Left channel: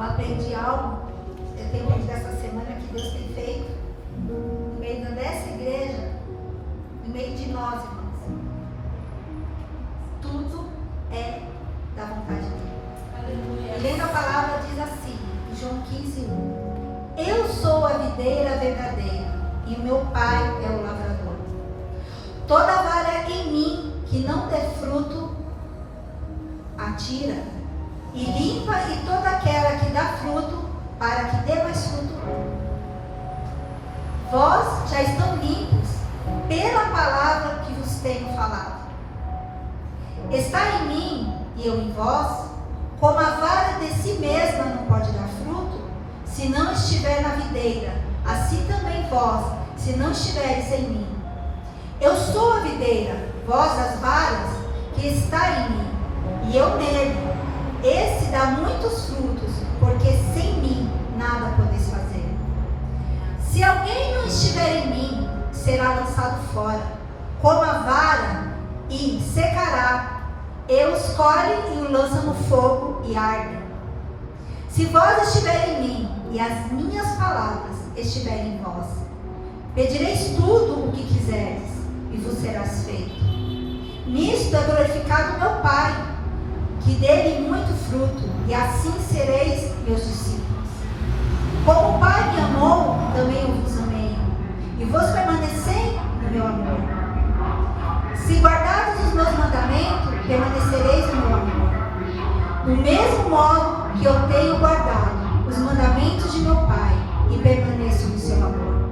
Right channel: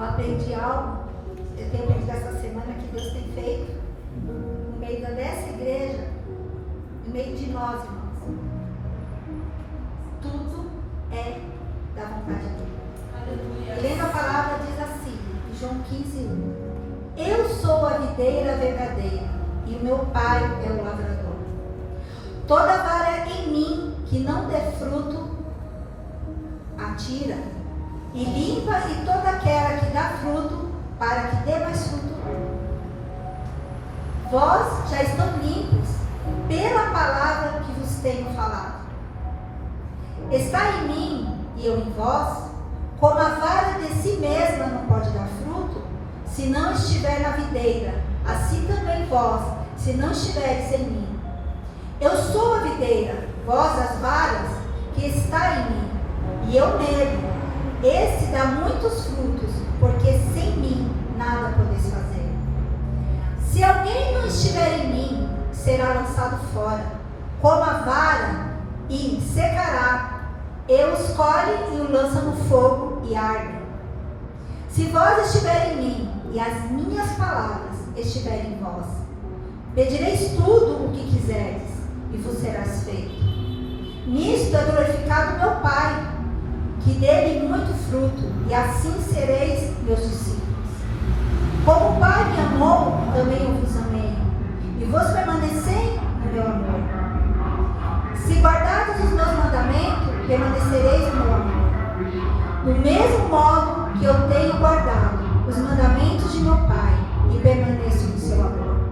Eu aprendi algo, eu tenho aprendido essa semana que Deus tem feito no meio dessa igreja, no meio de nós, irmãos. Tudo é da vontade dele. E lendo a palavra diz assim, em João 15:1. Eu sou a videira verdadeira e o meu pai é o lavrador. Toda vara em mim que não der fruto, atira e limpa, e toda aquela que dá fruto, para que dê mais fruto. Vós já estão limpos pela palavra que vos tenho falado. Está em mim e eu em vós, como a vara de si mesma não pode dar fruto, se não estiver na videira, assim também vós, se não estiveres em mim. Eu sou a videira, vós as varas, que está em mim, e eu nele. Esse dá muitos frutos, porque sem mim nada podeis fazer. Se alguém não estiver em mim, será lançado fora, como a vara, e secará. Eu os colhe e o lança no fogo e arde. Se vós estiverem em mim, e as minhas palavras estiverem em vós, pedireis tudo o que quiseres, e vos serás feito. Nisto é glorificado meu Pai, que dê-lhe muito fruto, e assim sereis meus discípulos. Como o Pai me amou, também eu vos amei, e vos permanecei no meu amor. Se guardardes os meus mandamentos, permanecereis no meu amor. Do mesmo modo que eu tenho guardado os mandamentos de meu Pai, e permaneço no seu amor.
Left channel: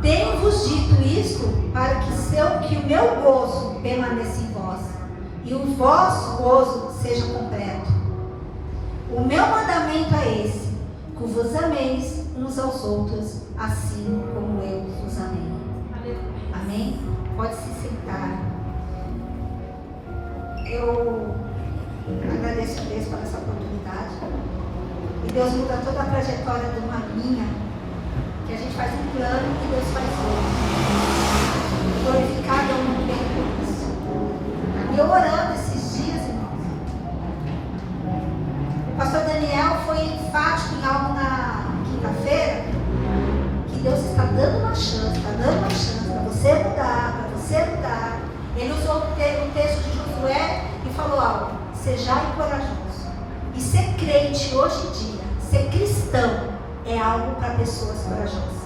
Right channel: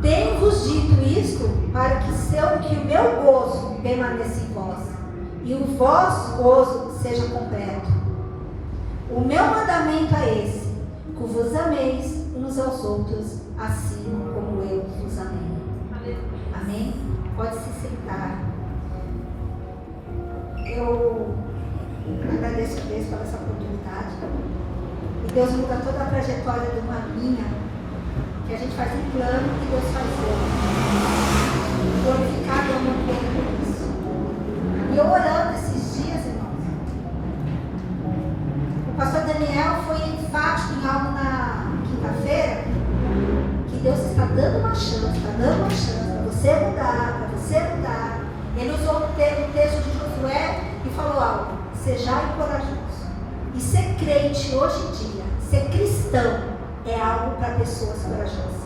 Tenho-vos dito isto, para que o meu gozo permaneça em vós, e o vosso gozo seja completo. O meu mandamento é esse, que vos ameis uns aos outros, assim como eu vos amei. Amém? Pode se sentar. Eu agradeço a Deus por essa oportunidade. E Deus muda toda a trajetória de uma linha, que a gente faz um plano e Deus faz outro. Glorificado é o nome dele por isso. E eu orando esses dias, irmãos, o pastor Daniel foi enfático em algo na quinta-feira, que Deus está dando uma chance para você mudar, para você mudar. Ele usou o texto de Josué e falou algo: sejai corajoso. E ser crente hoje em dia, ser cristão, é algo para pessoas corajosas.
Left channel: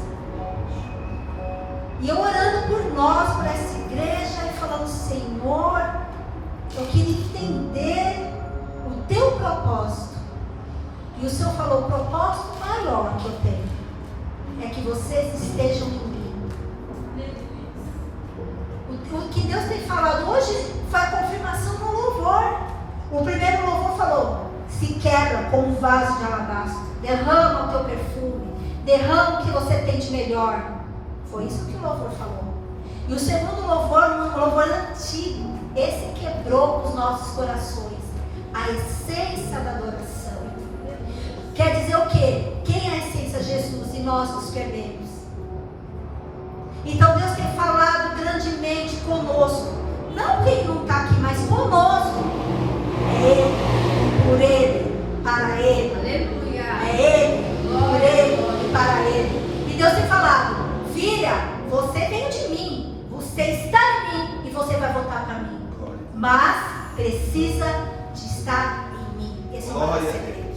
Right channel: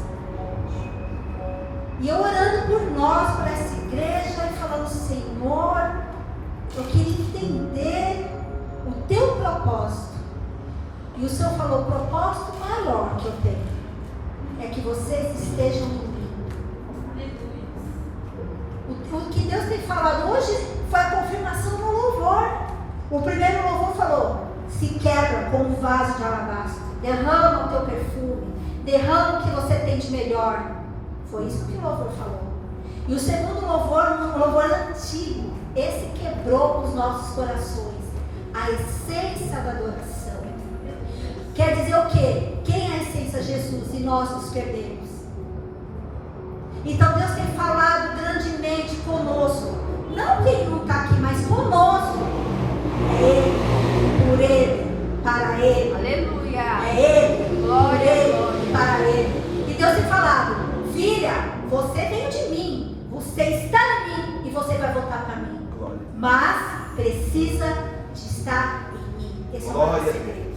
E eu orando por nós, por essa igreja, e falando: Senhor, eu queria entender o teu propósito. E o Senhor falou: o propósito maior que eu tenho é que vocês estejam em mim. O que Deus tem falado hoje foi a confirmação no louvor. O primeiro louvor falou: se quebra como um vaso de alabastro, derrama o teu perfume, derrama o que você tem de melhor. Foi isso que o louvor falou. E o segundo louvor, um louvor antigo, esse quebrou os nossos corações, a essência da adoração. Quer dizer o quê? Quem é a essência? Jesus, e nós nos perdemos. Então Deus tem falado grandemente conosco, não quem não está aqui, mas conosco. É Ele, por Ele, para Ele. Aleluia. É Ele, por Ele, para Ele. E Deus tem falado: filha, você veio de mim, você está em mim e você vai voltar para mim. Mas precisa de estar em mim. Esse é o nosso segredo.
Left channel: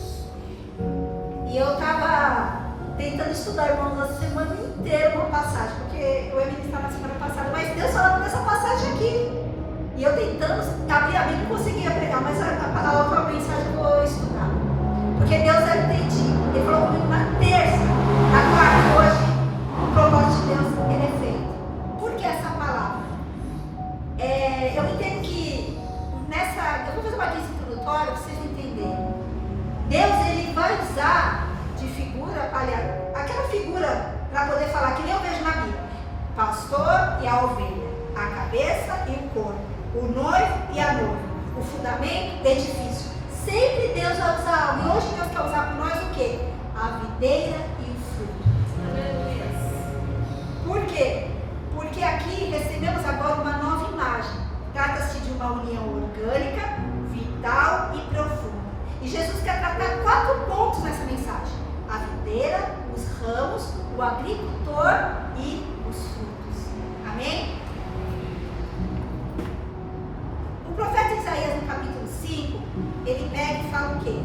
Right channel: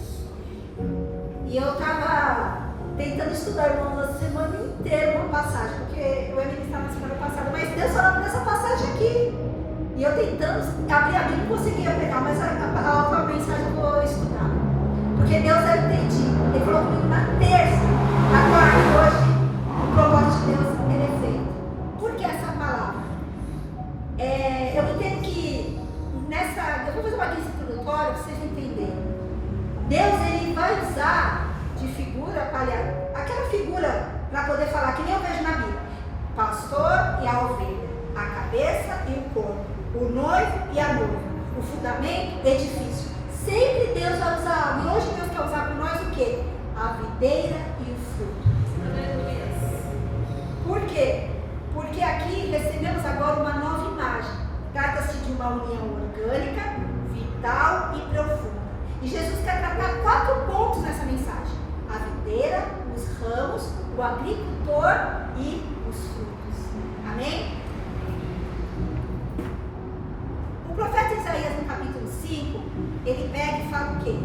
E eu estava tentando estudar, irmãos, a semana inteira uma passagem, porque eu ia ministrar na semana passada, mas Deus falando dessa passagem aqui. E eu tentando abrir a Bíblia, não conseguia pregar, mas a mensagem eu vou estudar. Porque Deus, eu entendi. Ele falou comigo na terça, na quarta, hoje, o propósito de Deus, ele é feito. Por que essa palavra? Eu entendo que eu vou fazer uma lista introdutória para vocês entenderem. Deus, ele vai usar de figura, aquela figura, para poder falar, que nem eu vejo na Bíblia: pastor e a ovelha, a cabeça e o corpo, o noivo e a noiva, o fundamento, edifício. Sempre Deus vai usar algo. E hoje Deus quer usar para nós o quê? A videira e o fruto. Por quê? Porque aqui recebemos agora uma nova imagem. Trata-se de uma união orgânica, vital e profunda. E Jesus quer tratar 4 pontos ramos, o agricultor e os frutos. Amém? O profeta Isaías, no capítulo 5, ele pega e fala o quê?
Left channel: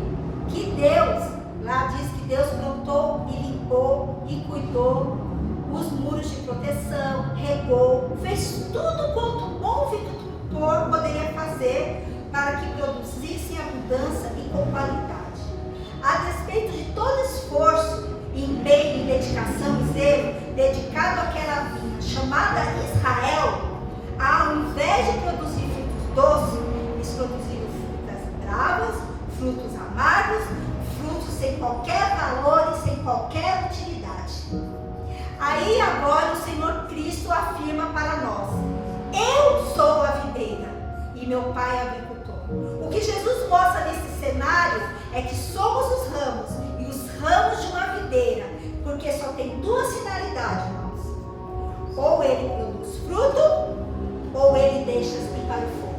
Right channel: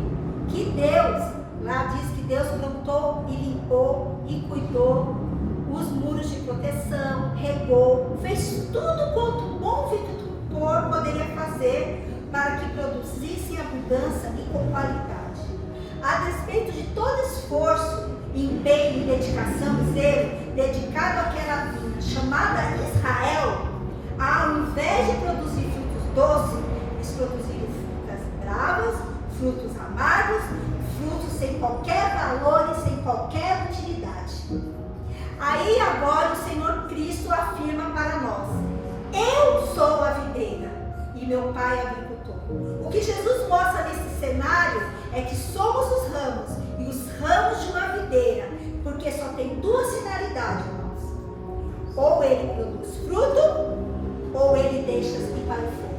Que Deus, lá diz que Deus plantou e limpou e cuidou os muros de proteção, regou, fez tudo quanto um bom viticultor poderia fazer para que produzisse abundância e com qualidade. A despeito de todo esforço, empenho, dedicação e zelo dedicado àquela vinha chamada Israel, ao invés de produzir frutos doces, eles produziram frutas bravas, frutos amargos, frutos sem qualquer valor e sem qualquer utilidade. Aí agora o Senhor Cristo afirma para nós: eu sou a videira e meu pai é agricultor. O que Jesus mostra nesse cenário é que somos os ramos e os ramos de uma videira, porque só tem duas finalidades, irmãos: ou ele produz fruto, ou ele deixa para o fogo.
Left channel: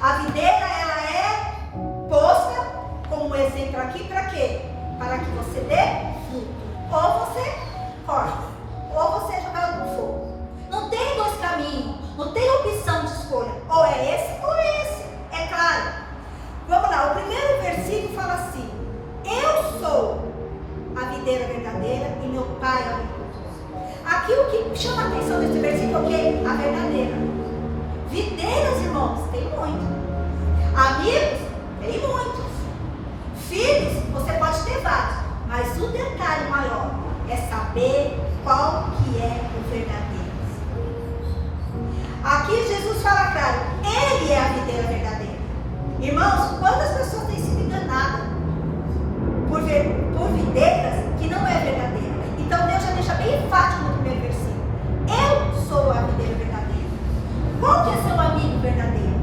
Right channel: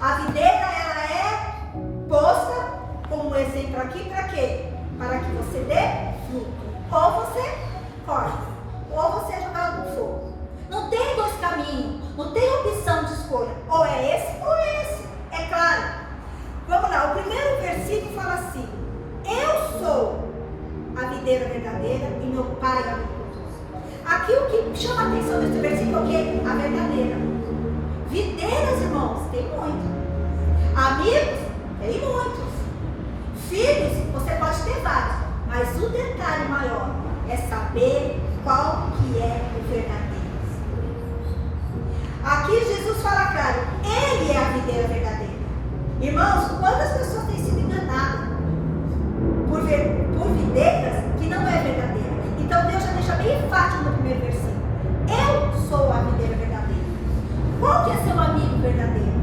A videira, ela é posta como exemplo aqui para quê? Para que você dê fruto. Ou você corta, ou você é jogado no fogo. Não tem dois caminhos, não tem opção de escolha. Ou é esse ou é esse. É claro. Vamos lá, o primeiro versículo fala assim: eu sou a videira verdadeira e meu pai é o agricultor. Aqui o que chama a atenção nesse versículo é o quê? A verdadeira. Videiras, irmãos, tem muito. Amigos, tem muitos. Filhos, você pode ter vários. Mas o detalhe maior é saber qual que é o verdadeiro. Aqui Jesus fala claro: ele é a videira verdadeira. Irmãos, quantas pessoas têm sido enganadas por videiras que não é verdadeira? Então Deus já deixa bem enfático no primeiro versículo: eu sou a videira verdadeira. Qual que é seu amigo verdadeiro?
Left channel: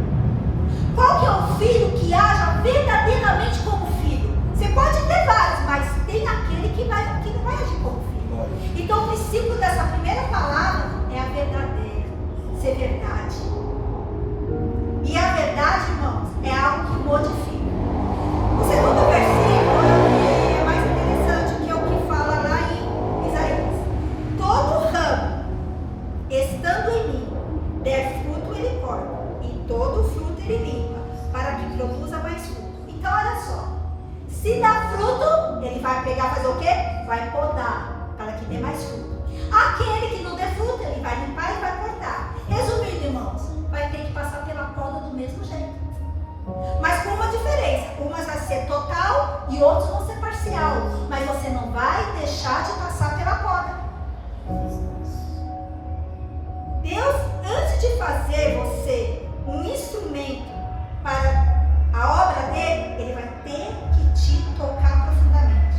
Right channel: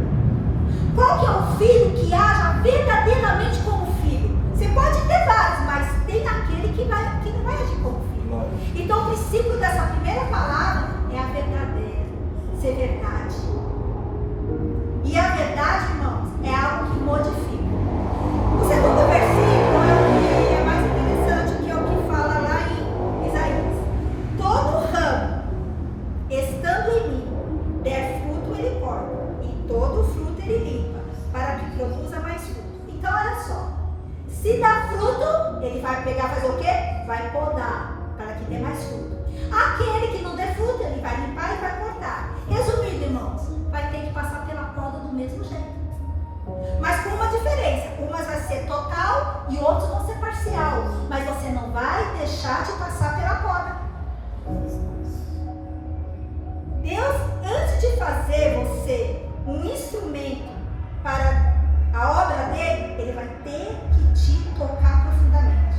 Qual que é o filho que haja verdadeiramente como filho? Você pode ter vários, mas tem aquele que não vai agir como filho. Então o princípio dessa primeira palavra é a verdadeira, ser verdade. E a verdade, irmãos, é algo que modifica. O segundo versículo é mais interessante, que é o que fala lá em Isaías: todo ramo estando em mim der fruto, ele corta, e todo fruto ele limpa, para que produza mais fruto. Então olha só, se dá fruto, ele vai pegar e fazer o quê? Vai podar, para que dê mais fruto. Aquele que não der fruto, ele vai limpar e vai cortar. Resumindo, irmãos, vai ter que passar pela poda do mesmo jeito, mas com uma diferença: umas vai ser total e outros vão ser parcial, mas você não vai deixar de passar pela poda. Deus, antes de fazer você um instrumento para a obra dele, ele vai ter que te tocar profundamente.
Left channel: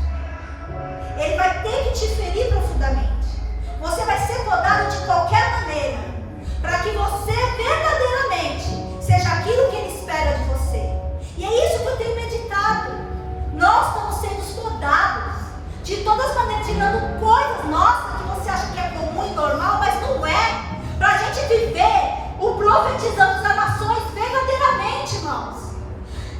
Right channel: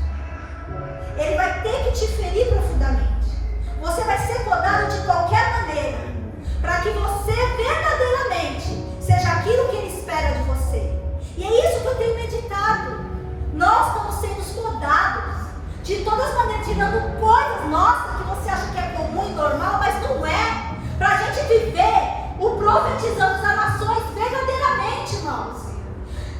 Ele vai ter que te ferir profundamente. Você vai ser podado de qualquer maneira, para que você verdadeiramente seja aquilo que ele espera de você. E é isso que eu tenho meditado. Nós estamos sendo podados de todas as maneiras, tirando coisas nossas que você acha que é comum e normal, mas não é. Para a gente viver o profetizando das nações verdadeiramente, irmãos.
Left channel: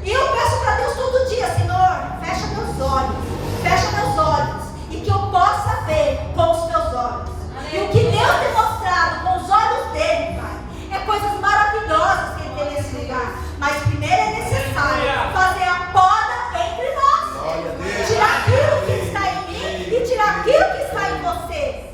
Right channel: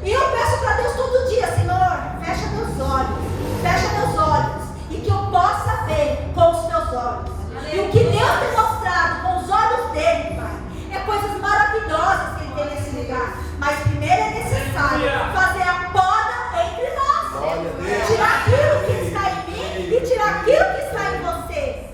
E eu peço para Deus todo dia: Senhor, fecha meus olhos, e que eu possa ver com os teus olhos. E o que Deus tem mostrado com os olhos dele, Pai, é coisas maravilhosas que ele tem nesse lugar. Mas primeiro é necessário fazer a poda entre nós, tirar aquilo que está em mim e tirar aquilo que está em você.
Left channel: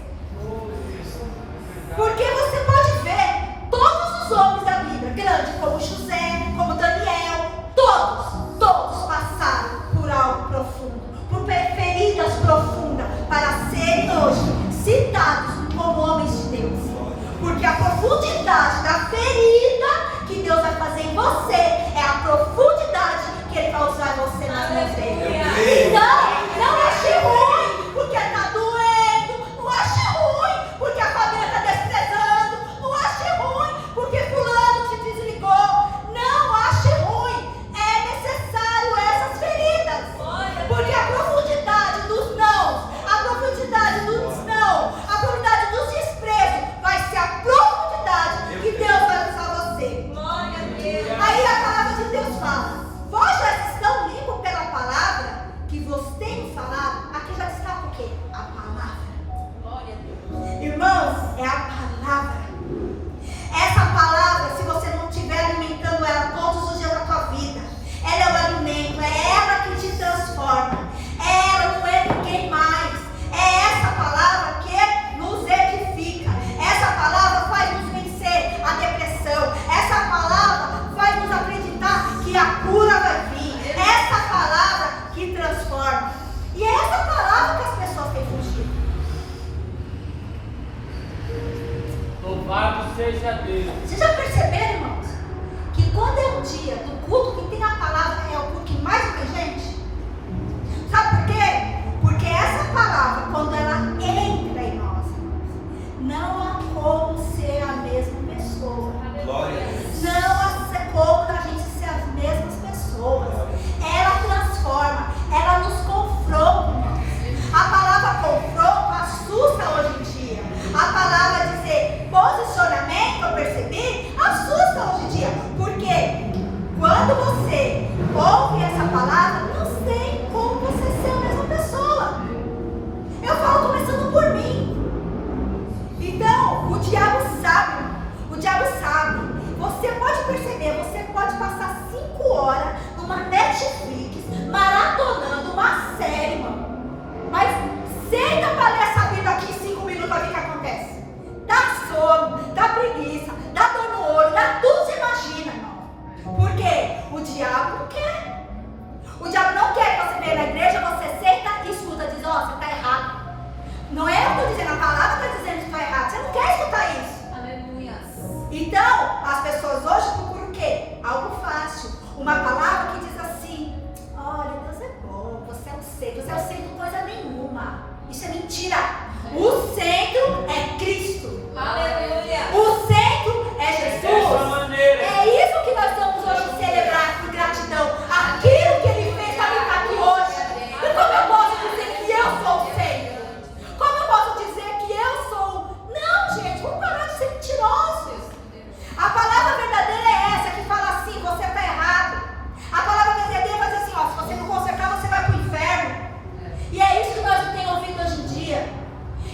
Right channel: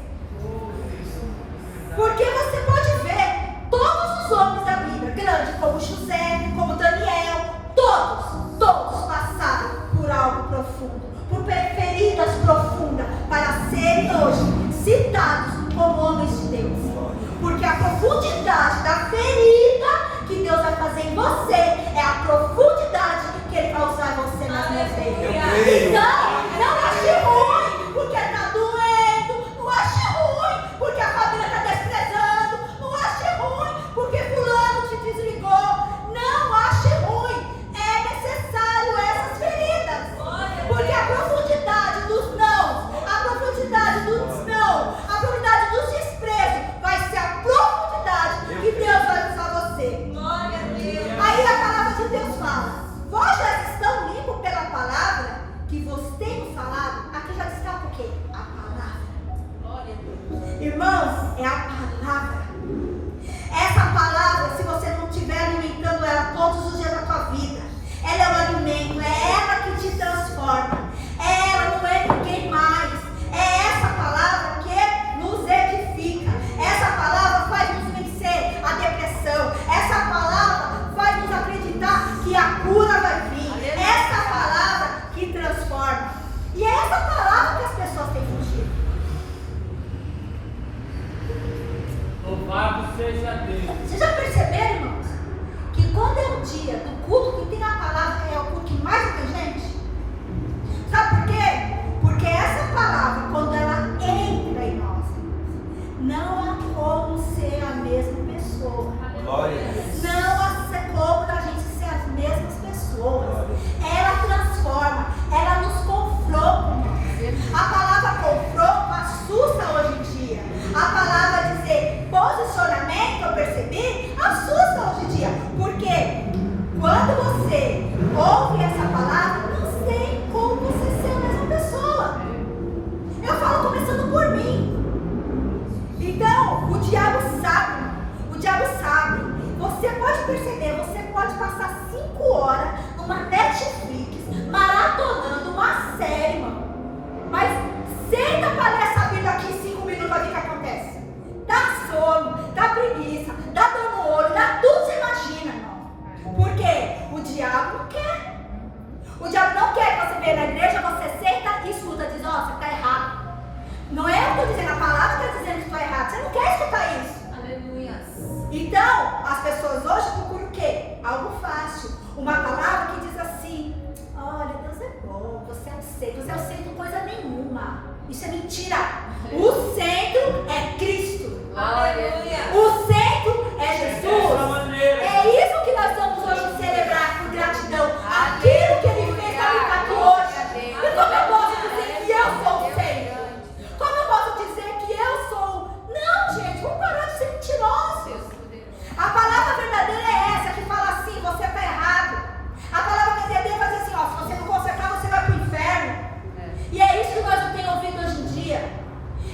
Porque você pode ver todos os homens da Bíblia, grande como José, como Daniel, todos passaram por algo profundo, por feridas profundas, para serem hoje citados como homens de Deus. Porque a profundidade da ferida que Deus vai fazer em você é a profundidade vê na igreja, você senta e escuta, diz, ó, você está errado. Não é eu que estou dizendo, a palavra está dizendo que estou errado. Você não quer escutar isso. Aleluia. Então, as pessoas hoje procuram o quê? Algo fácil. Uma palavra que diz assim, olha, Deus é bom, você é o centro de coisa nenhuma. Isso é mentira. O centro é Cristo. Aleluia. O centro é Jesus. É isso que nós vamos hoje celebrar por gratidão. Aquilo que Ele fez para me estar aqui hoje. E como eu posso dizer que eu sou o centro? Como eu posso dizer que eu sou? Não, gente, vamos parar de ser mentirosos. A palavra verdadeira é essa que fala assim, você está errado. A palavra verdadeira vai dizer assim, ó, se você não consertar, você vai para o inferno. E é isso que nós não temos ouvido hoje em dia.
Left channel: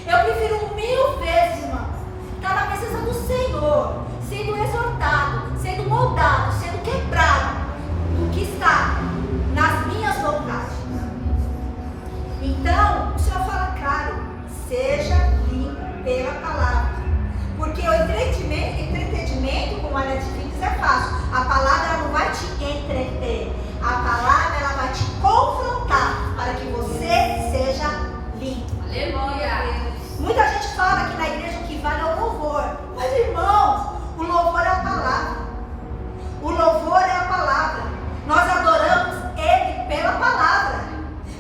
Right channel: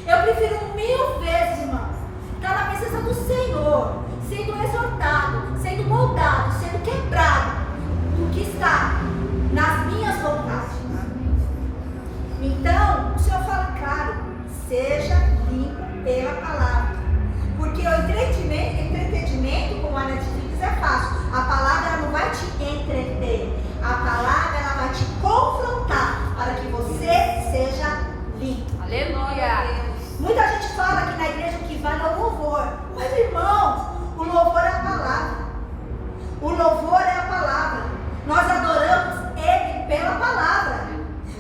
Eu prefiro 1000 vezes, irmãos, estar na presença do Senhor, sendo exortado, sendo moldado, sendo quebrado, do que estar nas minhas vontades. Então, o Senhor fala claro, seja limpo pela palavra. Porque o entretenimento, como a Netflix, é fácil. A palavra ela não vai te entreter. A palavra ela vai te confrontar para que você seja limpo. Aleluia. Muita gente fala que na igreja o que vale é o louvor. Mas, irmãos, o louvor é a palavra. O louvor é a palavra. Nós adoramos Ele pela palavra.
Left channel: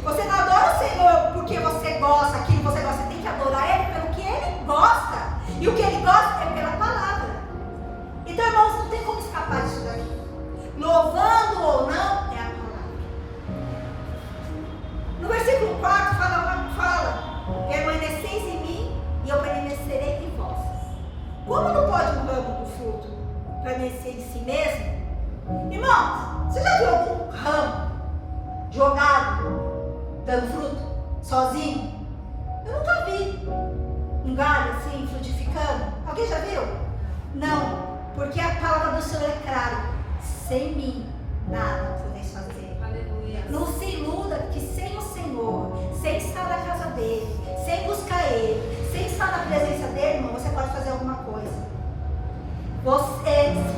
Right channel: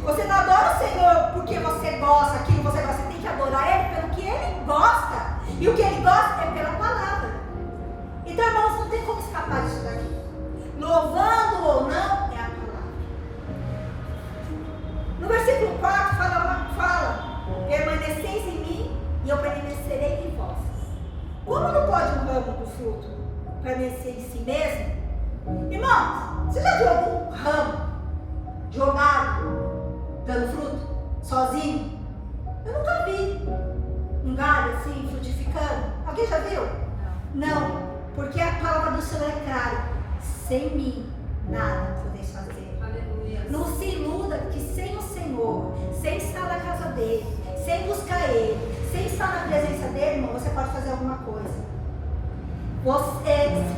Você não adora o Senhor porque você gosta, aquilo você gosta. Você tem que adorar Ele pelo que Ele gosta. E o que Ele gosta é pela palavra. Então, irmãos, não tem como escapar disso daqui. Louvando ou não, é a palavra. No versículo 4 fala permaneceis em mim e eu permanecerei em vós. Como não pode um ramo do fruto permanecer em si mesmo? Irmãos, você já viu algum ramo jogado, dando fruto, sozinho? Eu nunca vi um galho assim, frutificando. Alguém já viu? Não, porque a palavra do Senhor é clara. Sem mim, nada podeis fazer. Aleluia. Não se iluda que sem o Senhor, sem estar na casa dele, sem buscar ele, sem estar na presença dele, irmão, você pode fazer alguma coisa.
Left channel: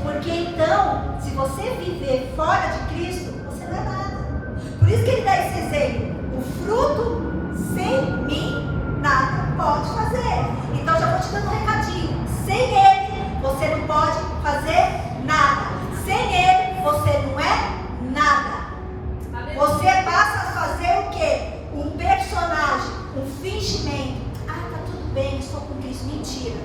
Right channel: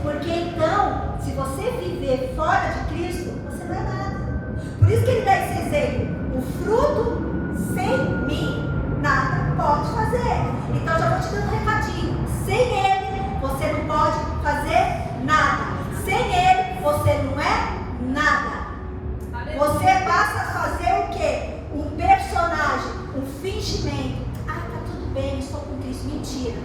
Porque então, se você viver fora de Cristo, você não é nada. Por isso que ele dá esse exemplo. O fruto, sem mim, nada pode fazer. Então já vou te dando um recadinho. Sem ele, você não pode fazer nada. Sem ele, você não é nada. Você passa a fazer o quê? Um personagem, um fingimento. Ah, tá tudo bem, estou com Cristo. Mentira.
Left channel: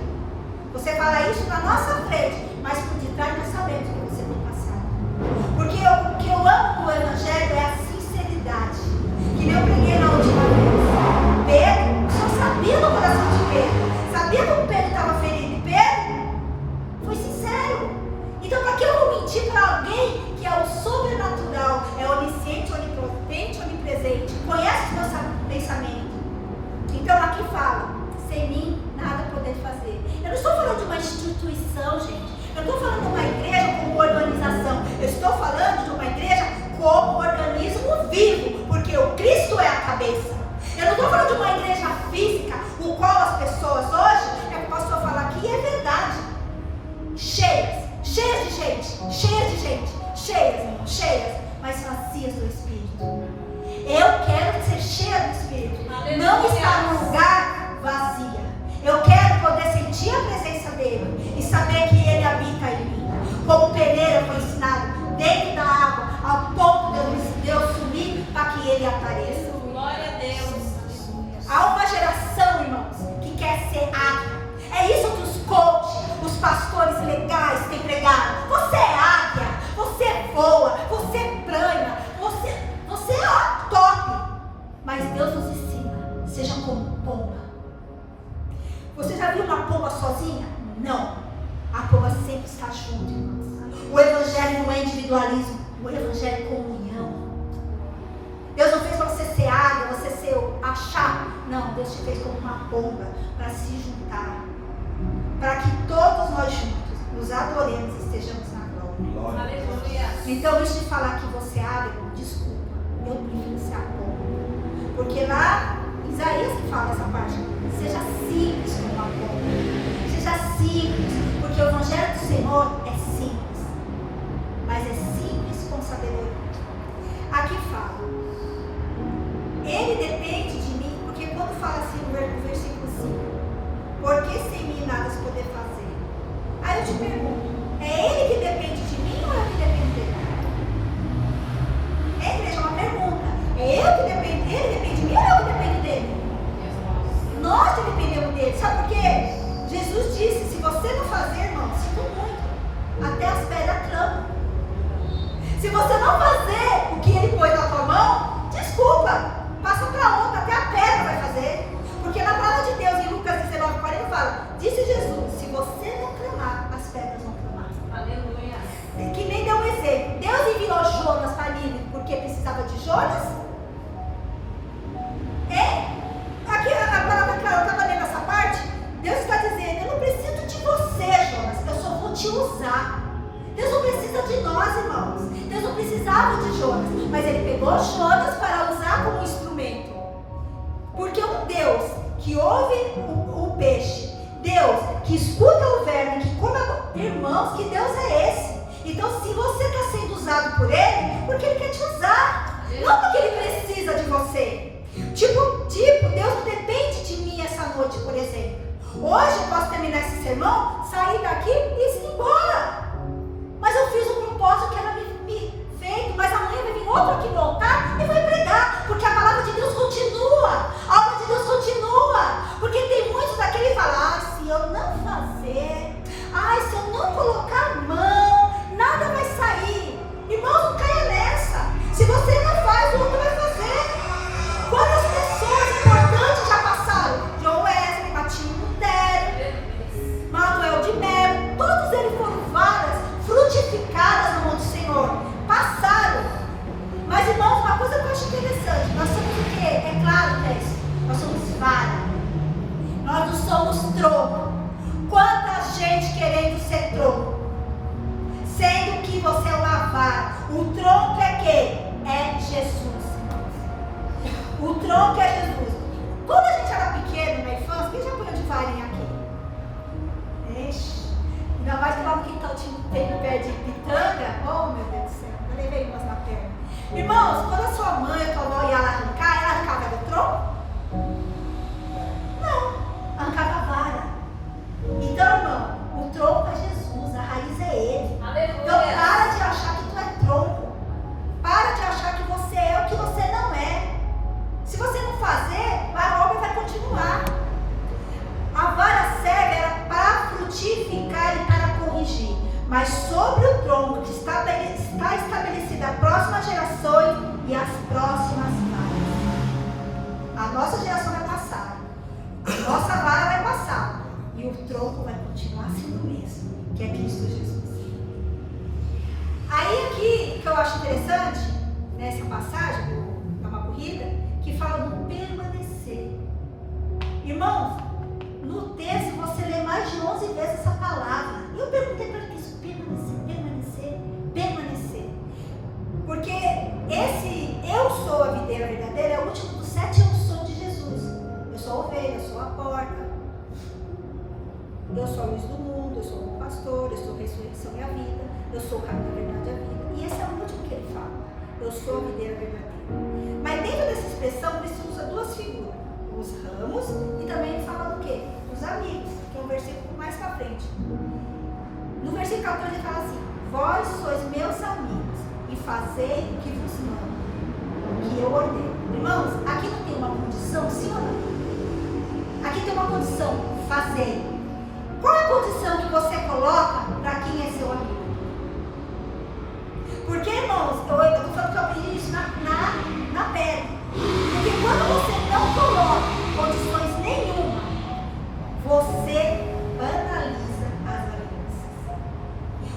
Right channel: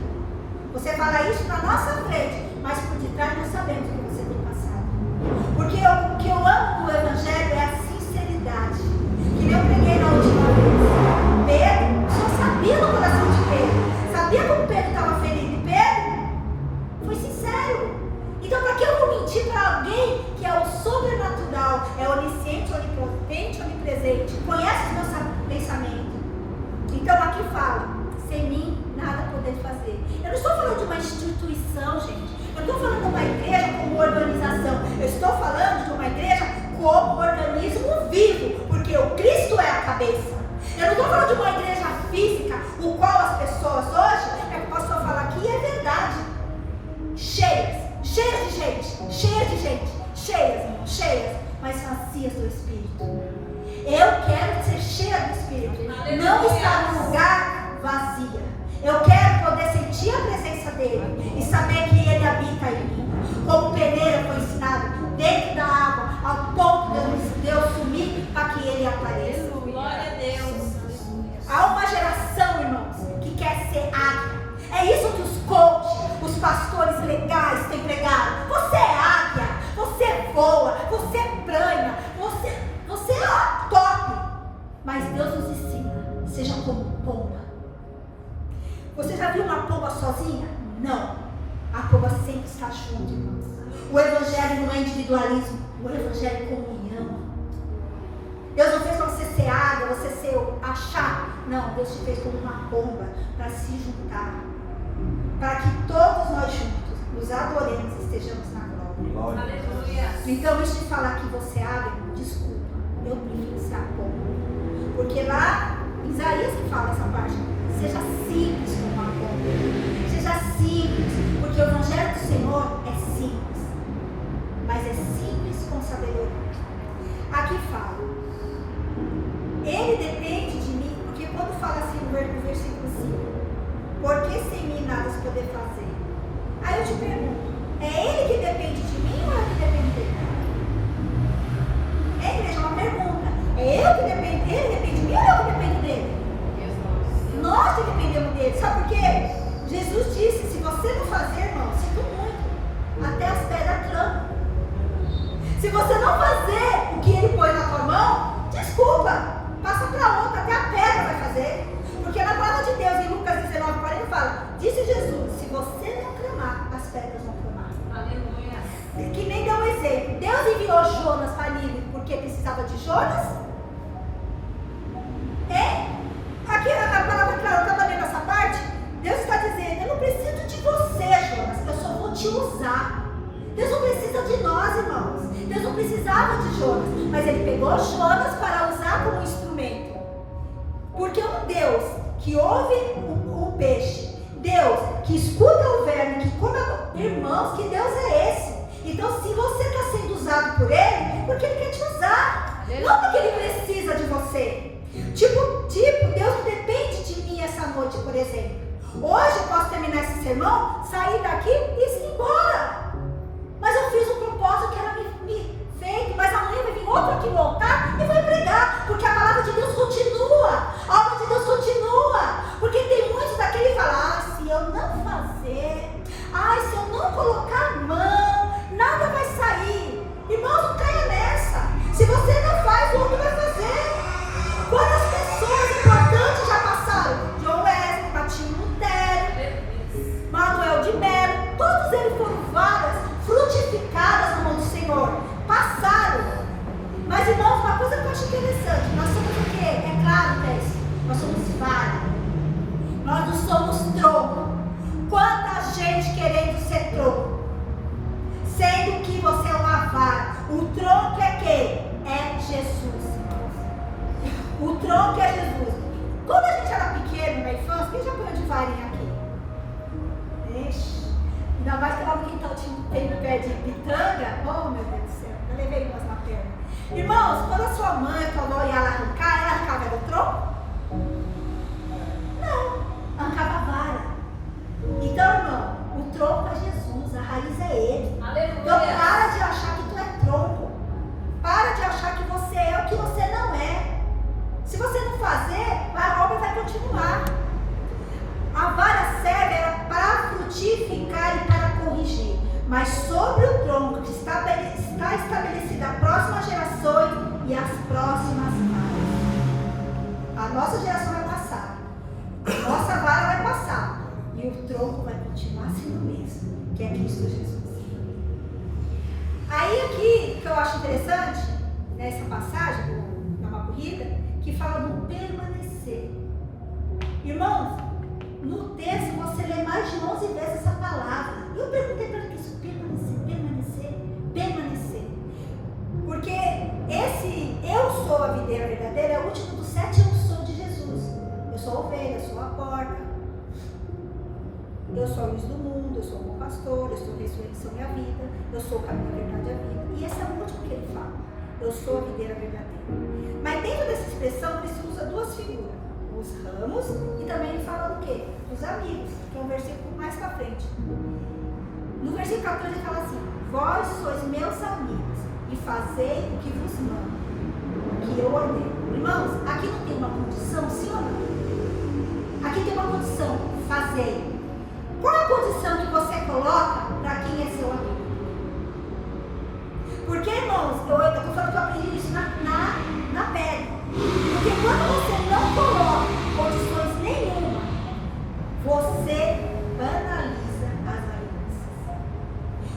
Você fala isso na nossa frente, mas por detrás nós sabemos o que você tem passado. Porque o que eu amo no Evangelho é a sinceridade. Que nem eu preguei na última vez. Pedro, só sabia do coração de Pedro. Sabia como Pedro estava ferido. E Pedro foi sincero. Então, para que eu vou mentir para alguém que é o sobrenatural, é onisciente, onipotente, onipresente, conhece os meus pensamentos? Então, aqui fala, sem mim, nada poder fazer. Eu não estou falando de uma instituição, gente. Eu não estou falando de uma igreja como organização. Eu estou falando de uma igreja como organismo vivo, porque o Cristo é a cabeça. Eu não estou falando de uma igreja física, o qual as pessoas hoje, é o que o pastor fala aqui, é verdade. Cheias de gente, cheias, mas vazias do Espírito. Eu quero ser cheia do Espírito, não estar num lugar vazia. Eu quero poder sentir a presença dele e saber que ele habita em mim. Como Peneira foi ensinado, dentro da água, ao ponto de eu sumir para que ele apareça. Glória a Deus. Há uma geração, irmãos, que quer ser águia. É isso que os coaches, os pastores legais têm pregado. Você é águia, você voa, você plana, você é top. Mas Deus nos ensina, seja como pomba. Você já viu uma pomba sozinha? Não. A pomba sempre está junto, irmãos. O Evangelho não é individualismo, o Evangelho é comunhão. Deus não fez para você ser águia, você ser achar. Não, Deus te fez como uma pomba para se juntar. Para que todos nós juntos nos adoremos e estejamos na glória. Aleluia. Então, antes de falar que você é águia, desculpa, eu prefiro ser a pomba. Porque lá, em Isaías que fala essa parte, seja simples como uma pomba. Seja simples, porque o Evangelho do Senhor é simples. Mas é simples com sabedoria. Aqui fala, Ele depende de mim, porque quando fala assim no versículo 5, porque sem mim nada se poder fazer. Aí eu te pergunto, é ele que depende de mim ou eu que dependo dele? É, igreja, uma pergunta. É eu que dependo dele, depende de mim ou eu que dependo dele? Nós que dependemos dele. Sabe por quê? Jesus disse, se você não fazer, irmão, sinto muito, até as pedras clamam. Se você não fazer o que ele pôs na tua mão, desculpa, passa para outra, até a pedra vai fazer. Porque na palavra de Deus, em Lucas 19:40 fala, disse Jesus, se você não clamar, as pedras vão clamar. Aleluia. Que nem deu um exemplo. Deus enviou Jonas para Nínive porque precisava de Jonas? Aqui a palavra que eu estava lendo essa parte, Deus está dizendo, eu não preciso de você, Jonas, eu só vou te usar. Deus não precisa de nós, irmãos. Deus não precisava de Jonas, mas ele pegou Jonas para usar como instrumento. Porque um Deus que ouve o peixe, Deus que escuta o verme, que come irmãos, que Deus é esse? Então, se você está sendo usado por ele, porque ele quer te usar, não porque ele precisa de você. Tipo, Deus não depende de mim essa noite, por exemplo. Hoje eu posso terminar esse sermão, sair daqui e ir embora. Mas eu fiz um propósito que era me feito, mas amanhã vai vir outro aqui voltar e vai pregar, porque a palavra de Deus continua, a obra de Deus continua. Porque tem muitos daqui que falam, se eu não fazer, se eu não colocar a mão, nada vai sair. Irmãos, não caia nessa. Se você não faz, o outro vai fazer. Quantas pessoas importantes já passaram? John Wesley, Martinho Lutero, Manuel de Melo, todos eles foram varas frutificadas no nome do Senhor. Passaram. Mas, irmãos, uma coisa que eu acho interessante, nós somos o quê? É claro, Tess, nós somos vara. Nós não somos tronco. Quanta gente querendo ser tronco, sendo que você é uma vara. O tronco é quem? É Jesus. O tronco é Jesus. Quando a gente era pequeno na infância, quem já apanhou de varinha aqui? Ixi. Ainda mais que lá no quintal tem um pé de pitanga. Oh, meu Deus do céu. Eu levei umas na perna. Irmãos, quando a sua mãe, a tua avó ia lá arrancar, ela arrancava do tronco? Não. Arrancava a vara. Então, irmão, o tronco é Jesus. A raiz é Ele. Aleluia. Então, para de achar que tu é tronco. Para de achar que você é o que você não é. Se você não fazer, a obra vai continuar. A vara serve para frutificar e para corrigir. Mas sobre o tronco que está estabelecida a próxima geração e as próximas varas. A nossa geração vai passar. A nossa vara vai passar. E o tronco vai continuar sendo o mesmo, que é Cristo Jesus. Aí aqui, que eu acho interessante, nessa passagem, é uma corrida, que fala do permanecer. Irmãos, no texto você lê mais de 11 vezes essa palavra. E eu perguntei para ele isso, permanecer. Porque esse eu sou a videira verdadeira é o último dos 7 eu sou de Jesus. Eu sou a ovelha, eu sou a porta. Eu sou a luz do mundo, eu sou o pastor, eu sou a ressurreição e a vida, eu sou o caminho, a verdade e a vida. E esse é o último que ele fala. Eu sou a videira verdadeira. Mas dentro dessa expressão, ele usa duas figuras. Os ramos e também ele fala do quê? Dos amigos, que é um versículo mais para frente. No versículo 14 ele fala assim, vós sois meus amigos e fazei o que vos mando, que eu ordeno. Irmãos, aqui não tem uma condição, sim ou não? Aqui tem uma condição, fazei. Qual é a condição que você coloca para quem é seu amigo? Porque, irmãos, eu estou falando que eu aprendi isso na pele. Porque quando você não coloca condições nenhuma, você banaliza as alianças.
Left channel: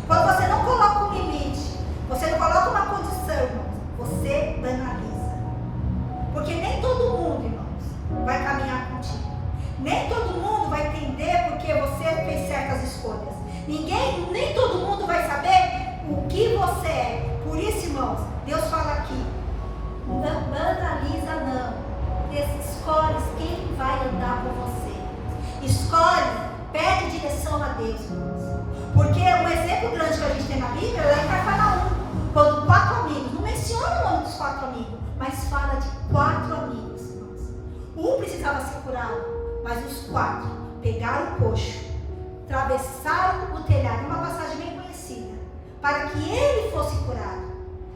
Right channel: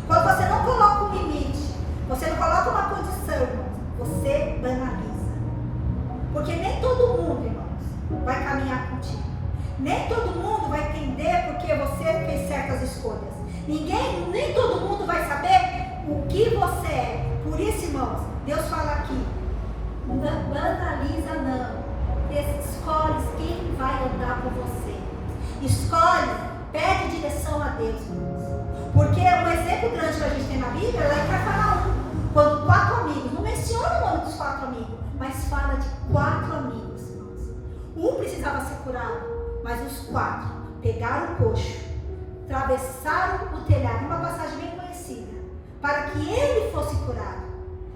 Quando você não coloca um limite, você não coloca uma condição, irmãos, você banaliza. Porque nem todo mundo, irmãos, vai caminhar contigo. Nem todo mundo vai entender porque você fez certas escolhas. Nem todo mundo vai saber o que você é. Por isso, irmãos, Deus fala aqui, banaliza não. Escolhe quem vai andar com você. Escolhe, pede direção a Deus, irmãos. Porque um exemplo grande que a gente tem na Bíblia é Cafarnaum. Quando 4 amigos, não menciona o nome dos 4 amigos. amigo, mas fala de 4 amigos, irmãos. Um precisava ser curado, mas os 4 pegaram o coxo, atravessaram o telhado, uma passagem bem conhecida, para que ele fosse curado.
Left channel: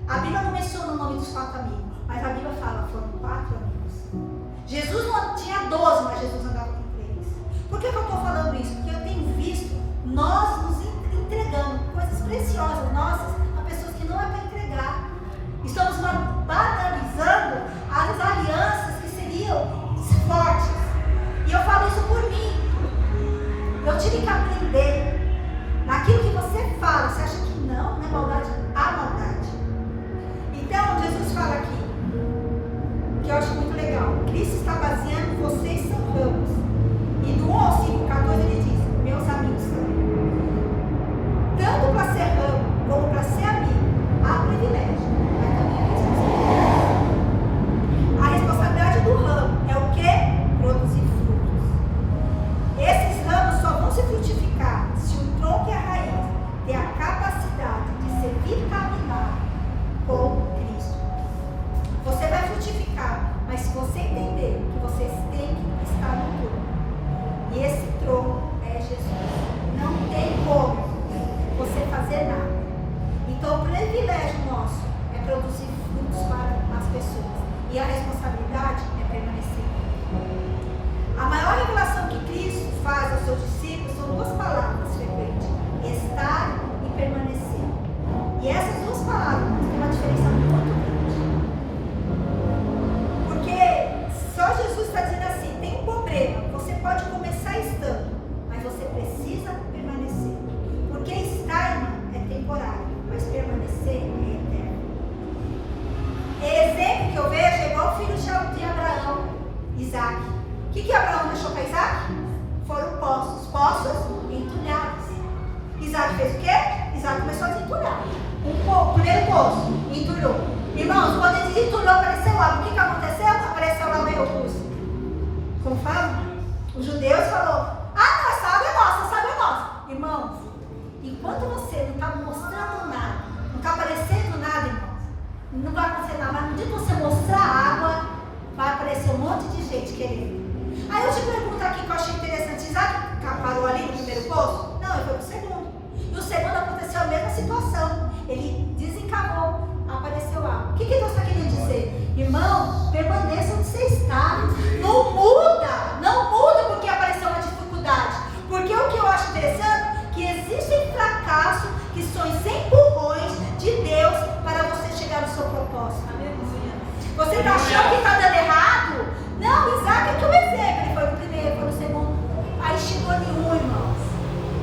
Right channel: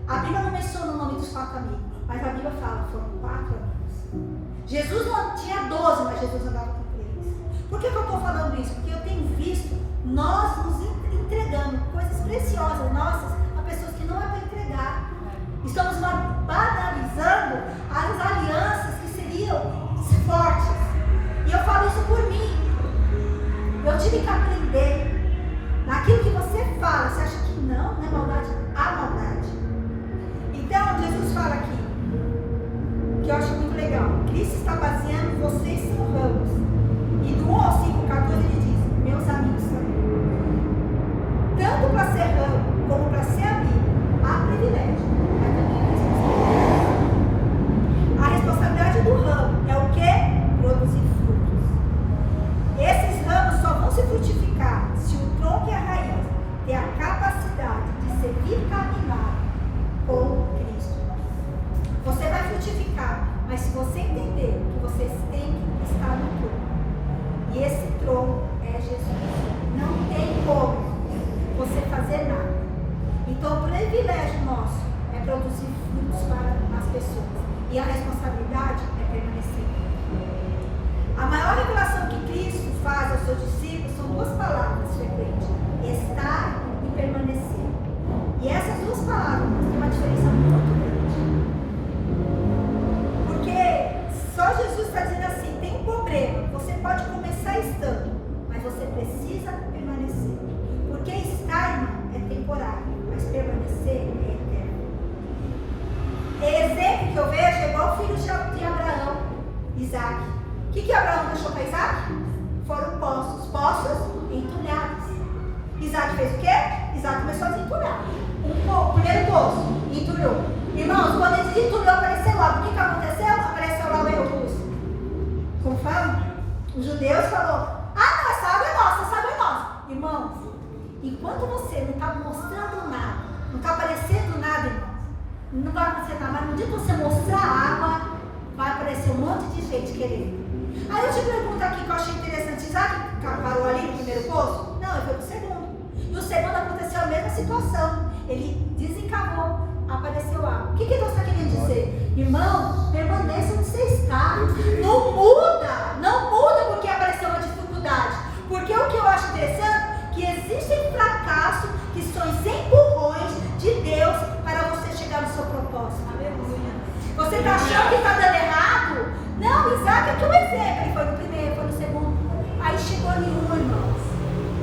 A Bíblia não menciona o nome dos 4 amigos, mas a Bíblia fala, foram 4 amigos. Jesus não tinha 12, mas Jesus andava com 3. Por que eu estou falando isso? Porque eu tenho visto nós nos entregando coisas preciosas nossas a pessoas que não é para entregar. Estamos banalizando as alianças que seriam fortes. E eu falo isso por mim. Eu tive que aprender. Naquilo que você fala, você acha que não é maldade? Há maldade. Então, Jesus fala aqui, que eu acho muito legal. Cristo está baseando, vocês são ramos. E do 1 ao 5, 14, ele diz, meus amigos também. Tanto para ser ramo, como para ser amigo, há privilégio, mas também há responsabilidade. A responsabilidade do ramo é o quê? Produzir frutos. Esses ramos só vão se frutificar se o tronco e a raiz têm a capacidade de servir caminhar com Cristo. Você vai frutificar, mas se você entender que vocês têm que estar no tronco, e esse tronco é Jesus, não tem como você fazer nada. Então o privilégio nosso é produzir frutos para as pessoas, e a responsabilidade é permanecer. A maior revelação que Cristo faz aos seus discípulos são 2 palavras frequentes: estar e permanecer. E essas 2 palavras têm uma diferença muito grande. Porque só Jesus está dizendo assim, tem um problema, você pode começar estando, mas você precisa permanecer. Porque estar, irmão, é temporário, mas permanecer é eterno. Exemplo que eu vejo é igual o filho de Abraão, Isaac. O que Abraão deixou para Isaac? Foram poços entulhados. Isaac fez o quê? Isaac começou a desentulhar. O primeiro poço, entulhou. Irmãos, quando ele desentulhou, apareceu água. O que aconteceu? Apareceu lá os, como fala? Os judeus falaram, não, essa água é nossa, essa água é nossa. Irmãos, enquanto você não está mostrando nada, não está aparecendo nada, irmãos, não vai acontecer nada, mas no dia que você mostrar a água, vai aparecer um monte de gente querendo. Aí eu te pergunto aqui que eu achei interessante, Isaac parou ali no primeiro poço? Não, ele foi pro segundo. E o segundo aconteceu a mesma situação. Ele desencavou, apareceu água. O que Deus está querendo dizer? Irmão, permaneça onde você está. Não muda porque apareceu uma dificuldade. Porque o que eu acho interessante, que existem fracassos que são empurrões de Deus para você chegar no seu propósito. Você está achando que está dando errado? Não, Isaac é que é um exemplo. Ele foi no primeiro, foi no segundo. Aí chegou nenhum, irmãos.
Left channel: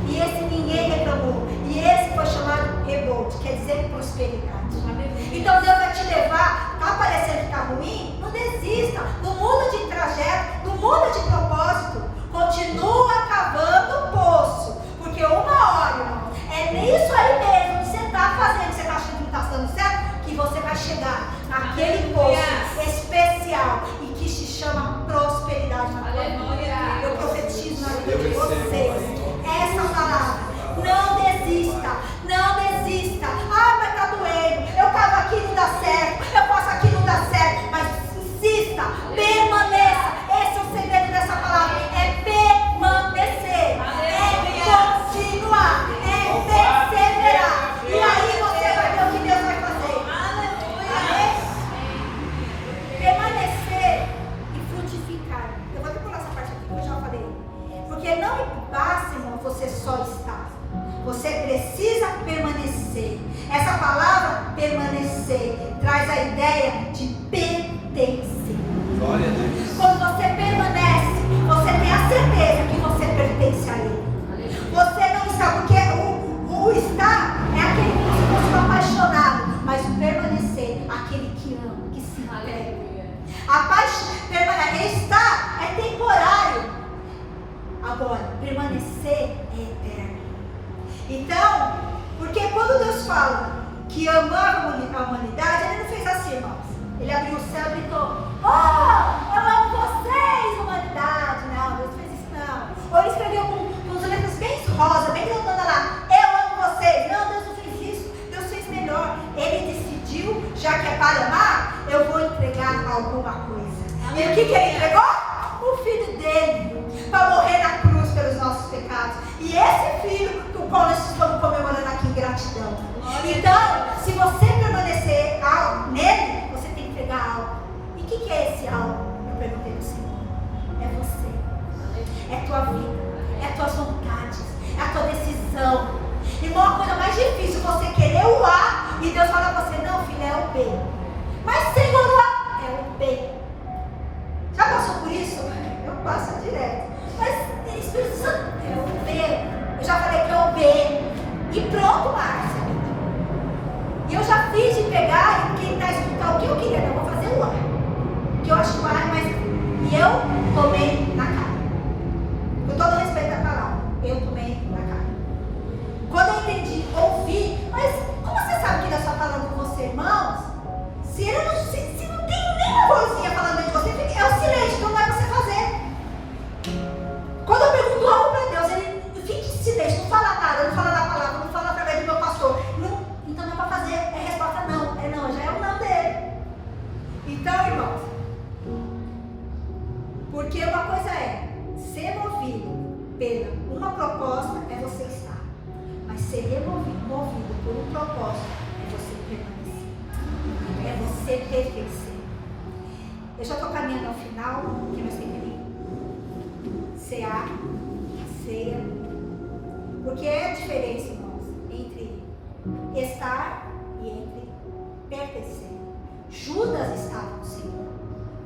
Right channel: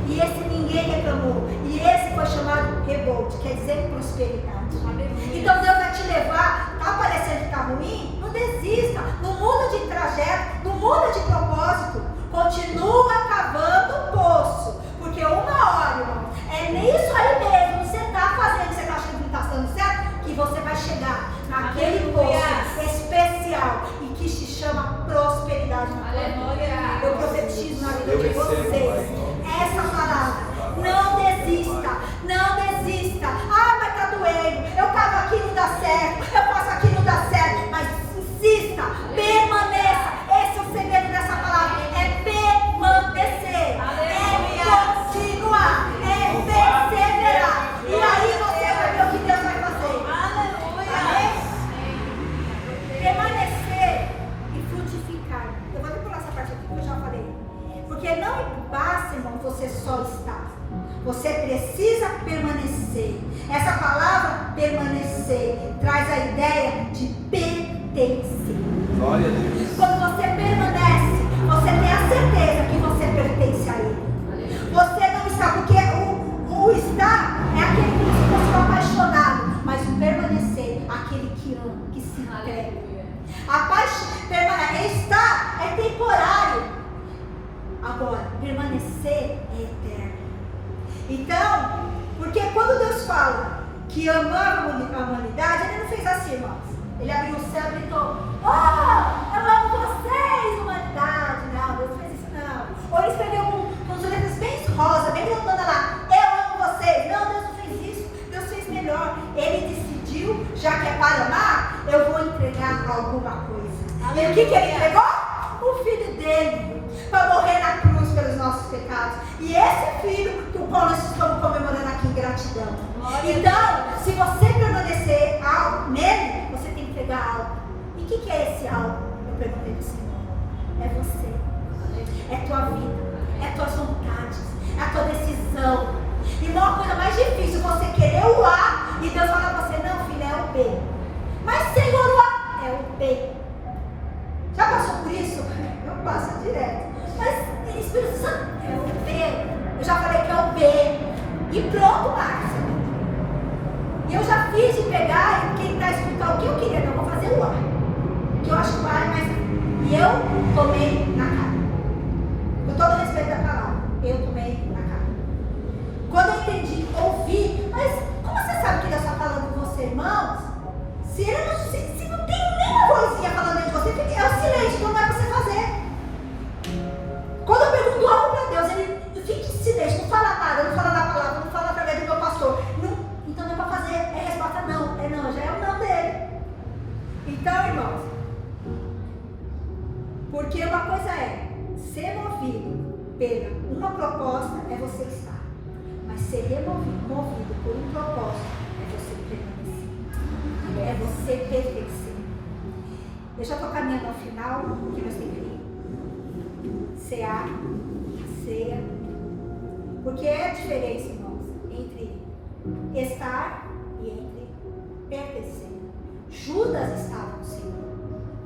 E esse ninguém reclamou. E esse foi chamado rebote, quer dizer prosperidade. Então Deus vai te levar, está parecendo que está ruim? Não desista, não muda de trajeto, não muda de propósito. Continua cavando o poço. Porque uma hora, irmão, é nisso aí mesmo, você está fazendo, você está achando que não está dando certo, que você vai chegar naquele poço especial e que se chama prosperidade na tua vida. Eu profetizo na vida de vocês essa palavra. Não desista, não desista. Mas está doendo, eu estava aqui, não dá certo, eu faço aqui, não dá certo. Mas insista, permaneça. Esse é o segredo dessa palavra, é permanecer, é continuar, é perseverar. E aí você vai ver o que Deus vai fazer. Amém? Permanecer e frutificar. Eu vou pular essa parte aqui que eu já falei. Porque não basta, irmão, você só estar. Você precisa permanecer. Essa palavra permanecer traz a ideia de pertencer. Glória a Deus. Quando você permanece, você tem a certeza que você pertence a Ele. Você não está, porque o estar é aquele que se fosse apaixonado, mas o permanecer, aquele que ama, que se entrega. Estar é temporário. Agora, permanecer é eterno. Então, porque quando Deus fala que amava a humanidade, Ele não fez assim, irmãos. Ele abriu o céu e gritou, eu amo vocês, humanidade. Não, Deus fez isso não. Ou Ele escreveu com as letras bem rosa, bem grandona lá, eu amo vocês. Não, Deus não fez isso. Deus fez melhor. Ele decidiu, já que é para amar, eu vou alguma coisa. E o que ele entregou? O filho dele, para morrer na cruz pelos nossos pecados. E esse filho, o qual nós estamos comemorando aqui em gratidão. Então, se você permanecer nele, você tem que entregar algo. E o que é esse algo? Eu perguntei para o Senhor. É você. É tua vida. É tuas vontades. É a tua decisão. Irmão, a coisa mais difícil é você querer o A e Deus fala para você, não, filha, é o B. Mas Senhor, o A é o B. Já passou por isso? Eu passo direto. Mas Espírito Santo é o B. Eu já falei que é o B. E pronto, Márcia. E eu já fiz de pegar e tentar explicar o que eu queria. Não, eu vou fazer o A. Que eu acho que o A é mais. E eu tomei na cara. Com todo respeito à palavra. Eu tomei na cara. Quando eu entendi, ouvi. Mas como você sabe que Deus está falando com você, irmãos? Se não tem nenhuma vozinha falando dentro de você, é o silêncio, então não é para você fazer. Quando eu pergunto algo para Deus, ele fica em silêncio, não fala nada, não fala na palavra, não fala através do meu pastor. Não, então não é para fazer, é a resposta não. É não, já é o não dele. Então, irmãos, porque uma coisa é ser movido pela uma proposta é você estar. Mas ser movido por um propósito é você permanecer. É você pertencer. Eu já estou caminhando ao final, porque nós temos que cear, ceia. Porque é a diferença, irmãos, entre estar e entre pertencer. Judas estava no Senhor.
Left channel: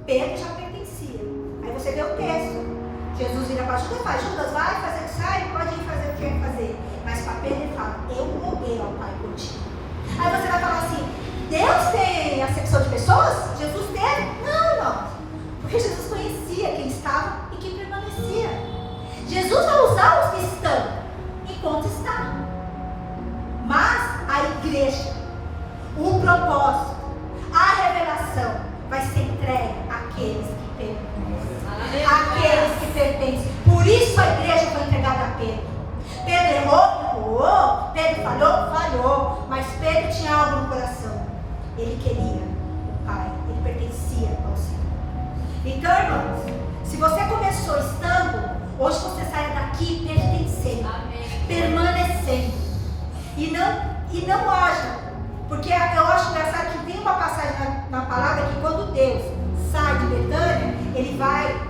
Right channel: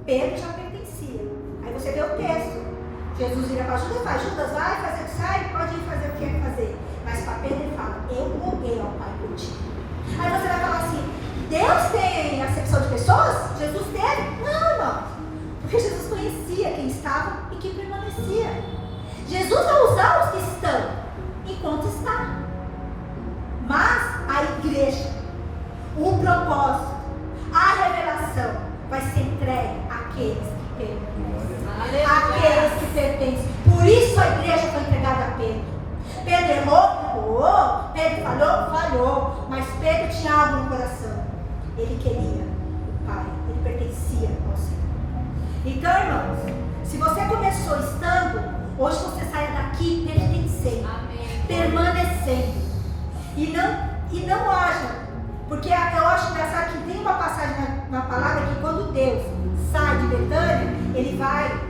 Pedro já pertencia. Aí você vê o texto. Jesus vira para Judas e fala, Judas, vai fazer o que sai, pode ir fazer o que quer fazer. Mas para Pedro ele fala, eu roguei ao Pai por ti. Aí você vai falar assim, Deus tem acepção de pessoas? Jesus teve? Não, irmão. Porque Jesus conhecia quem estava e quem permanecia. Jesus vai usar os que estão enquanto está. Mas a igreja, o propósito, a revelação vai ser entregue àqueles que pertencem. Aqueles que pertencem. Por isso a igreja foi entregada a Pedro. Pedro errou? Pedro falhou. Mas Pedro tinha algo no coração. Ele queria o Pai. Ele pertencia ao Senhor. Então, irmãos, se você começou estando, hoje você sai daqui pertencendo. Permanecendo. E não haja. Porque eu acho engraçado que tem uma passagem na palavra que quando Deus sai de Betânia, ele vai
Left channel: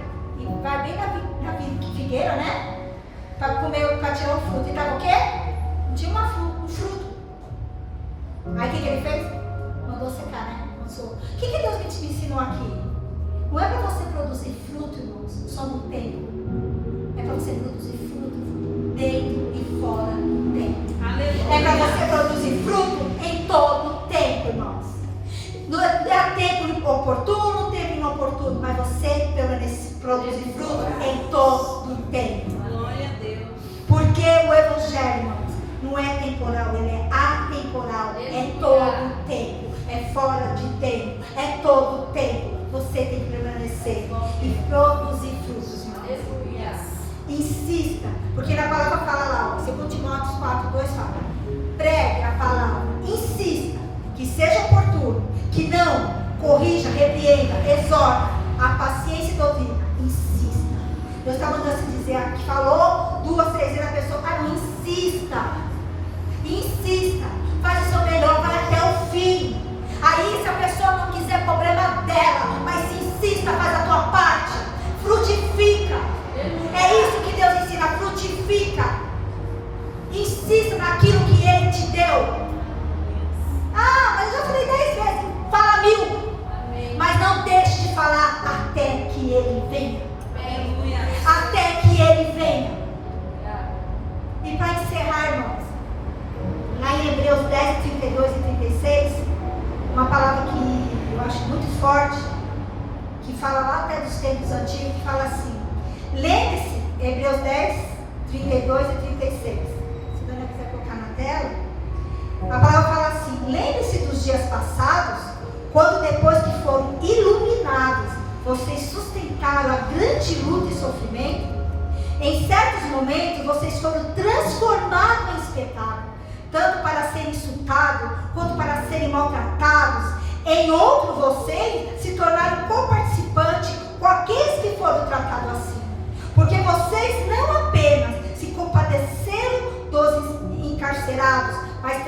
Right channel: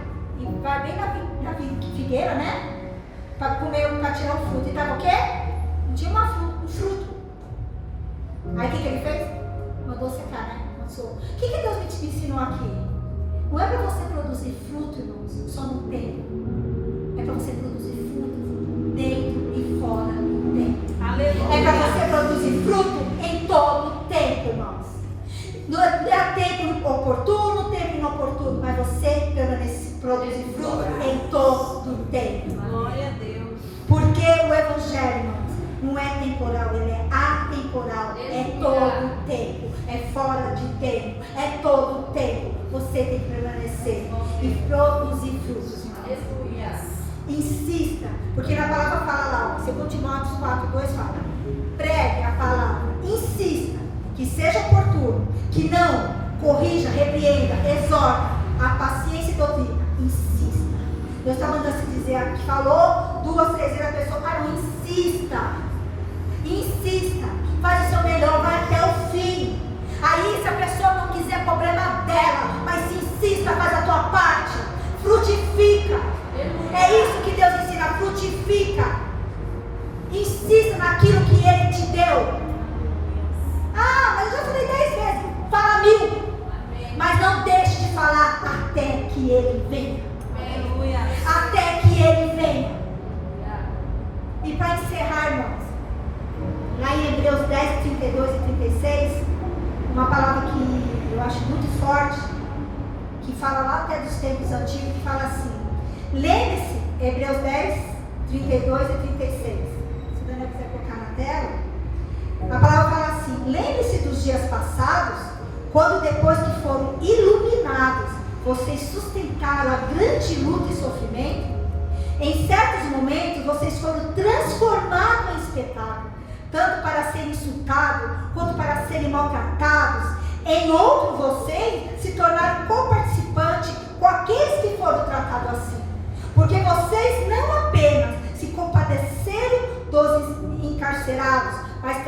bem na figueira, né? Para comer, para tirar o fruto. E estava o quê? Tinha um fruto. Aí o que ele fez? Mandou secar, né? O que Deus me ensinou aqui? Não é para você produzir fruto, irmãos, só no tempo. É para você produzir fruto dentro e fora do tempo. É para você produzir fruto em todo o tempo, irmãos. Não é tempo oportuno, tempo inoportuno, mas você produzir fruto em todo o tempo. Glória a Deus. Porque o Evangelho, irmãos, não é temporal, ele é atemporal. É todo o tempo, é fora de tempo, é todo o tempo. Você tem que permanecer e produzir frutos, irmãos. Insista, porque na palavra fala lá, 2 Timóteo 4:2 fala, pregue a palavra, insista, que seja oportuno, que não corrija, repreenda, exorta, a paciência e doutrina, insista. Deus está mandando se dizer aqui, falou 2, 3 vezes a pessoa, cara, não insista, faz o seu melhor, vai até o fim. Aí se a pessoa não quiser, problema dela, mas se insista, faz a tua parte, frutifica. É isso que Deus ensina, frutifica. Insista naquilo que Ele te deu. Ah, mas eu já falei 10 vezes, fala 1000. Mas não deixe de falar até que Ele venha. Até que Ele venha. E para encerrar, irmãos, lá em Hebreus 10, 32 e 36, uma palavra que eu acho muito forte, que fala lá até dos tempos antigos, que fala assim, lembre-se, Hebreus 10, 32 e 36. Se a Daniela quiser colocar na tela, a palavra fala assim, lembre-se dos dias passados, quando depois que foram iluminados, vocês sustentaram a grande luta e sofrimento. Em certos momentos, vocês foram transformados em espetáculo, tanto para serem insultados, quanto para serem maltratados. Em outros, vocês se tornaram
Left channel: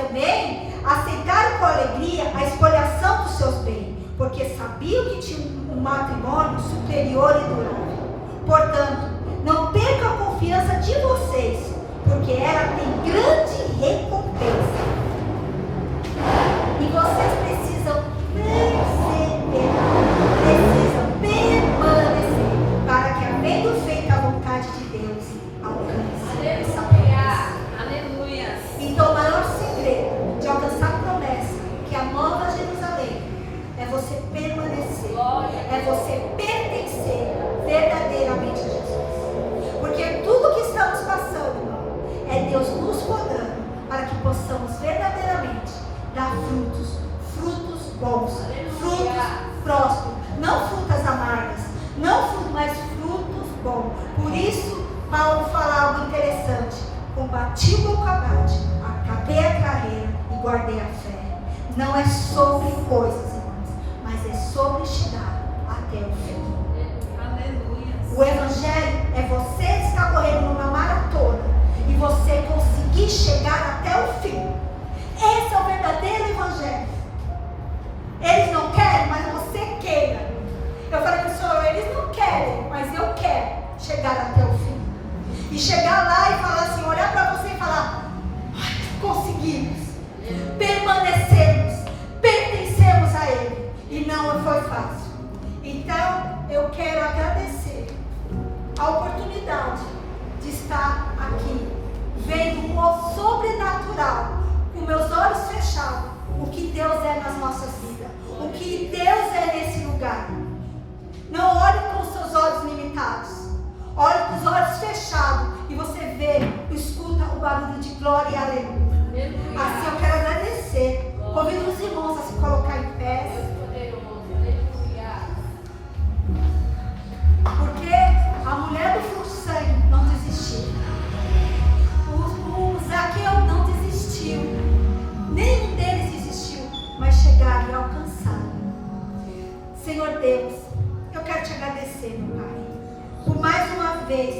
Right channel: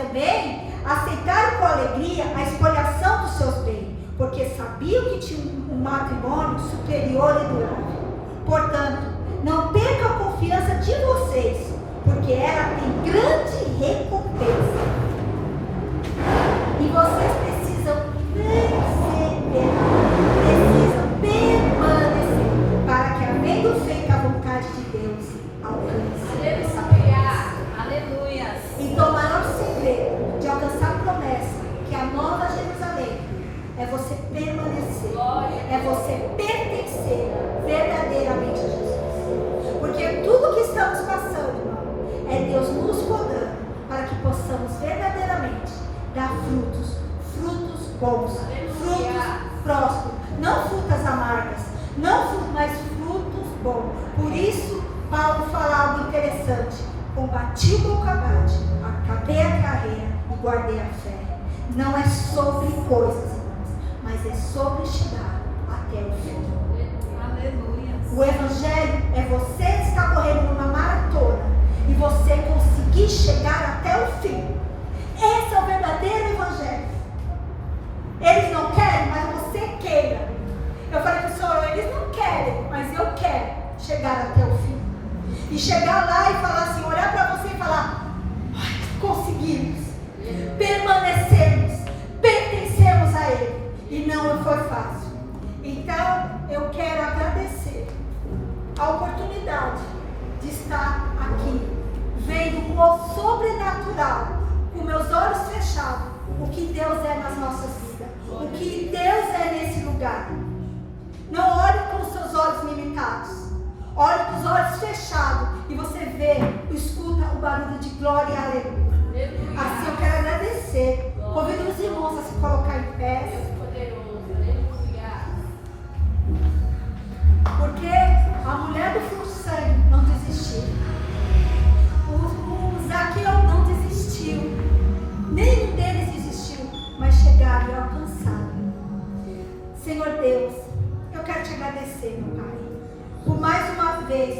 também aceitaram com alegria a expoliação dos seus bens, porque sabiam que tinham um matrimônio superior e durável. Portanto, não percam a confiança de vocês, porque ela tem grande recompensa. E vocês precisam perseverar, precisam permanecer, para que, havendo feito a vontade de Deus, alcance essa promessa. Aleluia. Então, o maior segredo de alcançar a promessa, que é a Nova Jerusalém, é você permanecer, é você pertencer verdadeiramente a Jesus. Porque tudo que estamos passando, irmão, é Deus nos podando para que possamos verdadeiramente dar frutos, frutos bons, frutos prósperos, não frutas amargas, não frutos, mas frutos bons. Por isso, Paulo fala algo interessante: combati o bom combate, acabei a carreira e guardei a fé. Não é sobre coisas, irmãos, mas é sobre chegar até o fim. Aleluia. O Evangelho é você estar correndo numa maratona e você conseguir chegar até o fim. Esse é o verdadeiro Evangelho. Eles não querem, mas você queira. Eu falei para o Senhor, eles não querem, mas eu quero chegar até o fim. E chegar lá e falar assim, olhar para você e falar, ai, conseguimos, permanecemos, pertencemos a Ele. E não foi fácil. Então, eu quero agradecer a oportunidade de estar aqui, vendo com o sobrenatural, com meus olhos fechados, o que Deus é nas nossas vidas, o que Deus é nesse lugar. Não olhe com os seus olhos limitados, olhe com os olhos fechados e você vê, escuta o barulho de glória e aleluia. Assim eu quero agradecer. Convido os irmãos a se colocar em pé. Porque a mulher do fluxo de sangue não desistiu. O Zaqueu não desistiu. Nenhum deles desistiu, mas chegaram e alcançaram. Senhor Deus, eu quero te agradecer, meu Pai, por mais uma vez